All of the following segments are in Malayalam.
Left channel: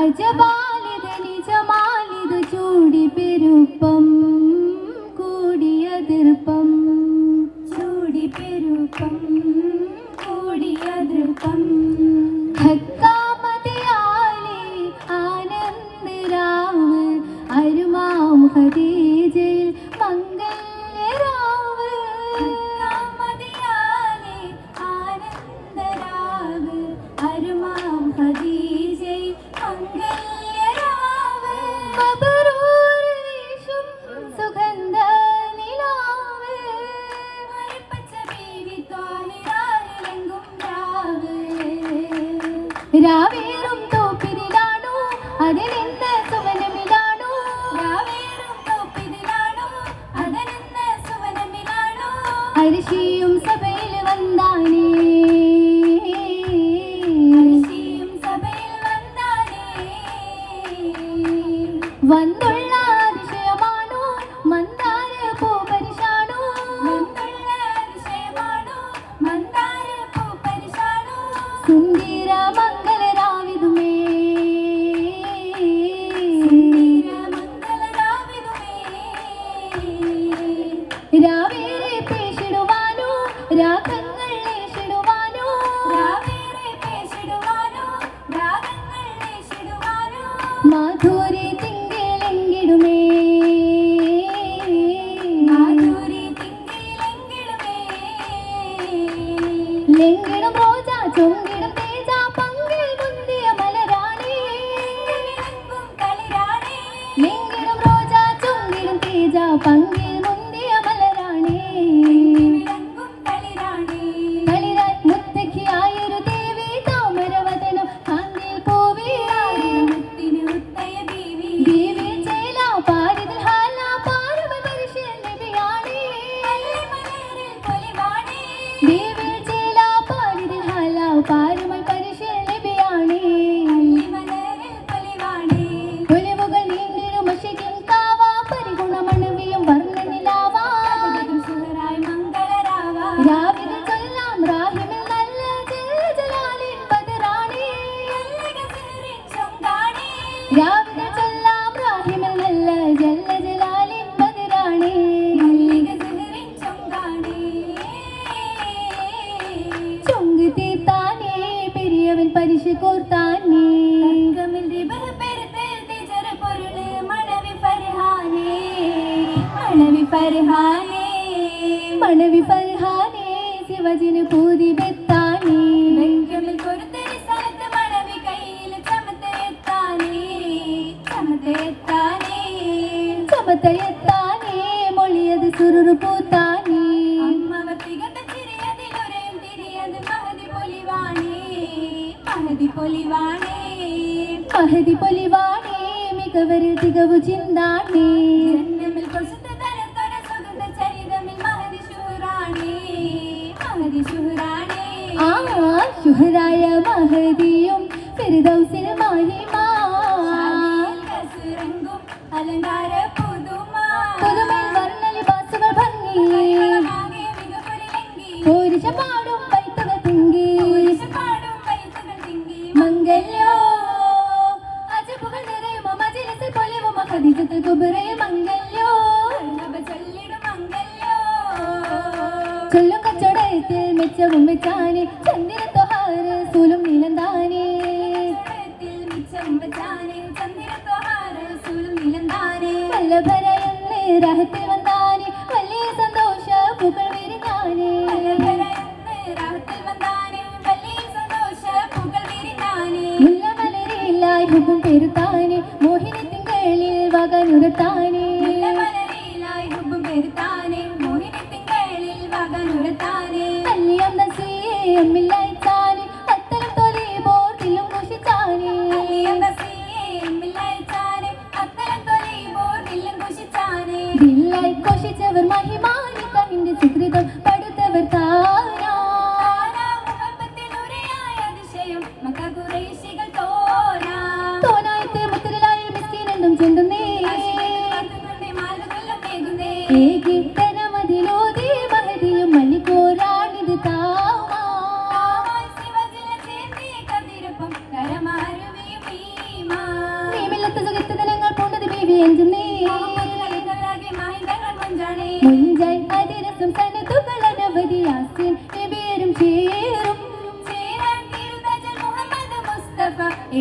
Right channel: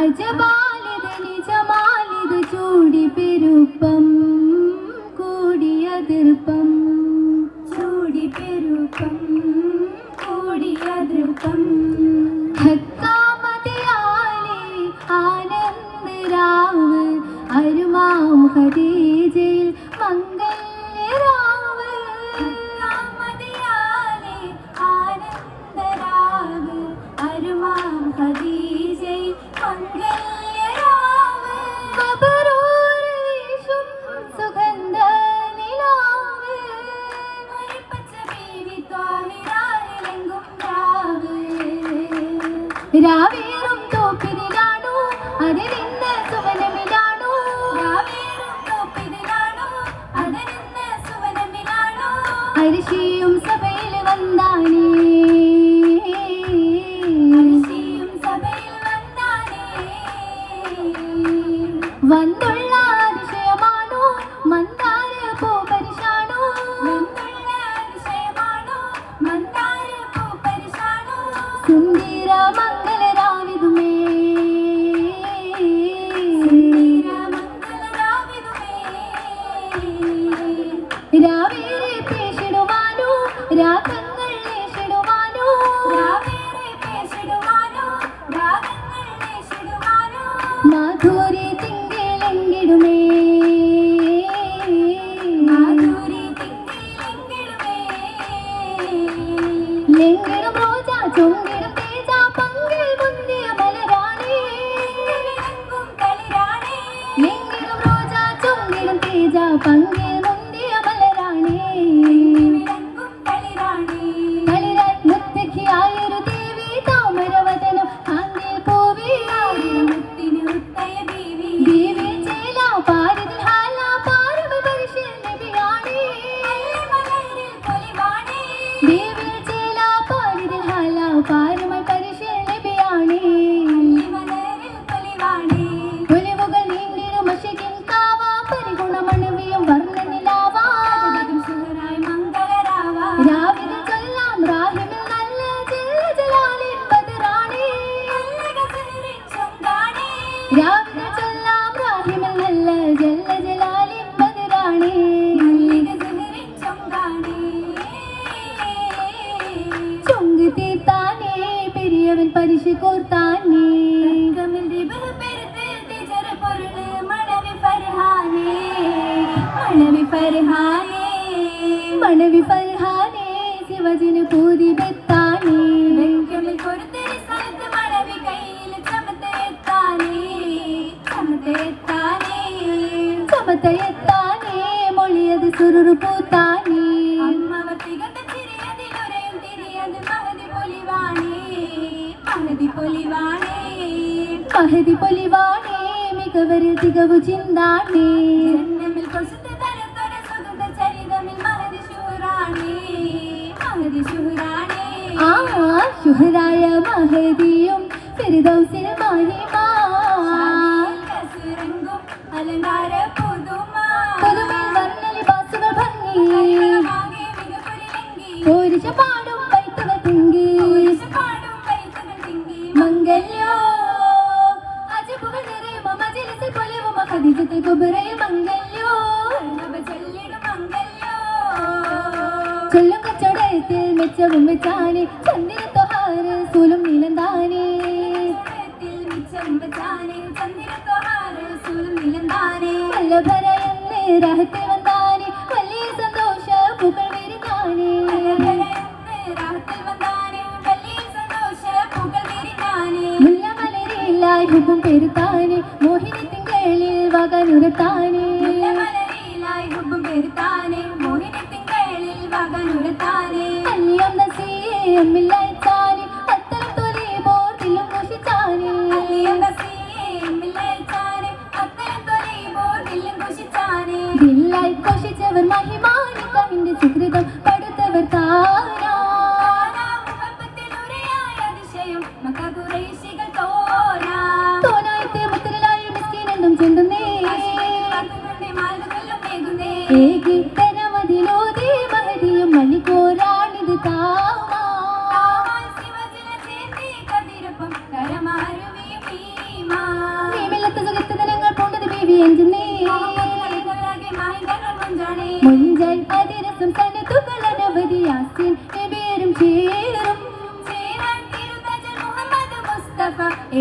അജമാലിത് നിജമാലിത് ചൂടി പെരുപ്പം അരിശിയും സഭയിൽ വന്നാനേ 林 மாணவி பர்ஹானே மனைவி பர்ஹானே சிவஜின் பூதி பித்தானே வெங்கமி கொடுத்து சமத்து மனைவி கையில் சமத்தை எத்தானே. சமத்தை எத்தானே. சமத்தை எத்தானே. மொழியது சுருரு பூத்தானே. பொலிவானே. மிகவரு திகவு சிந்தானே. ശുഹറായ മഹദിയും ഫിർദൗസിന് മാഹിമാ അലങ്കാര പുതുമാ പുതുമേൽ വർണലിബാസുകൾ ഭംഗി. പോരിശ പാടും പൈത്തകൾ തിങ്കി. മംഗല്യോ. അജബുകൾ നിറയും മജിലിസിൽ പൊലിവും ഖദീജത്ത് കുബറയിൽ മംഗല്യോ. ചൊല്ലും കച്ചുടയത്തിൽ മെച്ചവും വെച്ചാനെ ചന്ദിര തൊഹാറ് സൂലും നീലം താനേ വല്ലഭരയെന്ന് രാഹത്തിൽ വന്നാനെ വലിയ സന്തോഷ പൂക്കൾ വിരിഞ്ഞാനെ. മുല്ലമലരിലായി ഹുബും പെരുത്താനെ ഏകി തരമതിലോതേ മഹതിയും മണിക്കോരാണിത് താവാ ഭീമില്ലത്ത സുഖത്തനങ്ങൾ പൂണ്ടത് ബീവി എഞ്ചിനേ മുഞ്ചൈ അതിരസം സനതുകൾ അനവധി യാസിൻ എബേരും ചേരും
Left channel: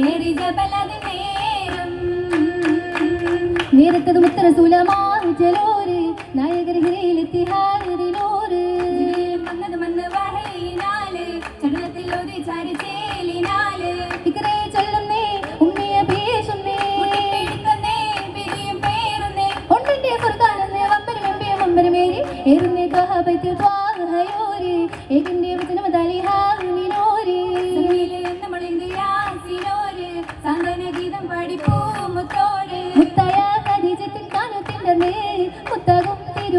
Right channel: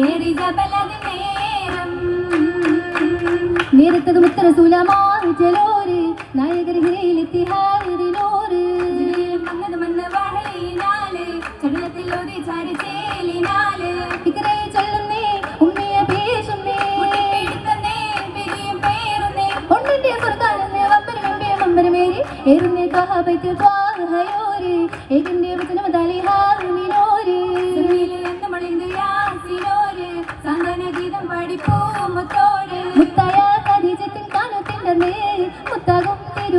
ഏറി ജബലത് നേരം നേരത്തത് മുത്തരസൂലമാറു ചെലോര് നായകർ ഹിരയിലെത്തി ഹാരിനോര് ഇക്കരെ ചൊല്ലുന്നേ ഉമ്മിയ ഭീഷണി ഒന്നിന്റെ സ്വർഗാനന്ദ വമ്പരമേ വമ്പരമേരി എരുന്നേ കഹബത്തിൽ പാഹയോരി ഏകന്റെ വചനം ദലിഹാ മിനോരി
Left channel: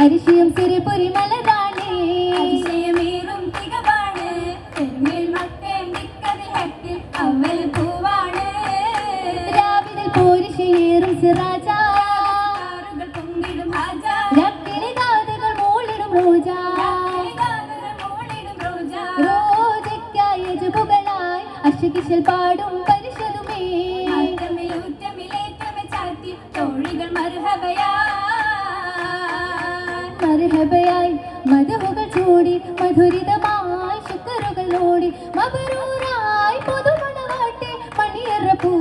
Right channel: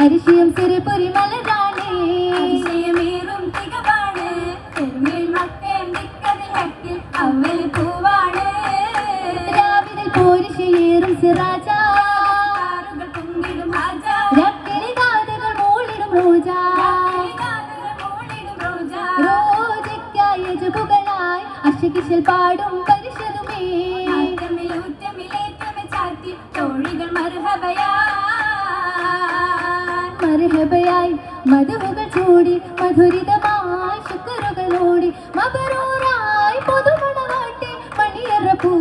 അരിശിയും സിരിപുരി മല താണ്ടി. അതിശയമേറും തികവാണ് തെന്നിൽ മത്തേണ്ടിക്കതിൽ ഹക്കിൽ അവൽ പൂവാണ്. രാവിലെ പോരിശിയേറും സിറാജ. ആറുകൾ പൊങ്കിടും ഹാജ രണ്ടിലെ കാതുകൾ മൂളിടും പൂജ. അശുകിശിൽ പാടും പരിശതുമേ ൂറ്റമിലേറ്റമെ ചാറ്റി തോഴികൾ മറുഹബയാ ശബയായി മതമുകൾ ചൂടി മധുരിതമായി ശുക്കറുകളോടി മബറൂറായി പൊതുമണവാട്ടെ മണിയറ പൂ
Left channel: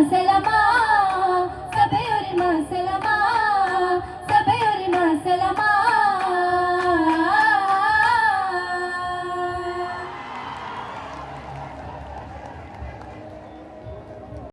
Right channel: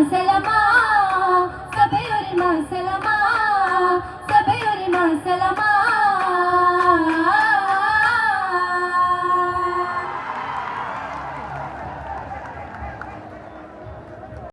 hace el amor.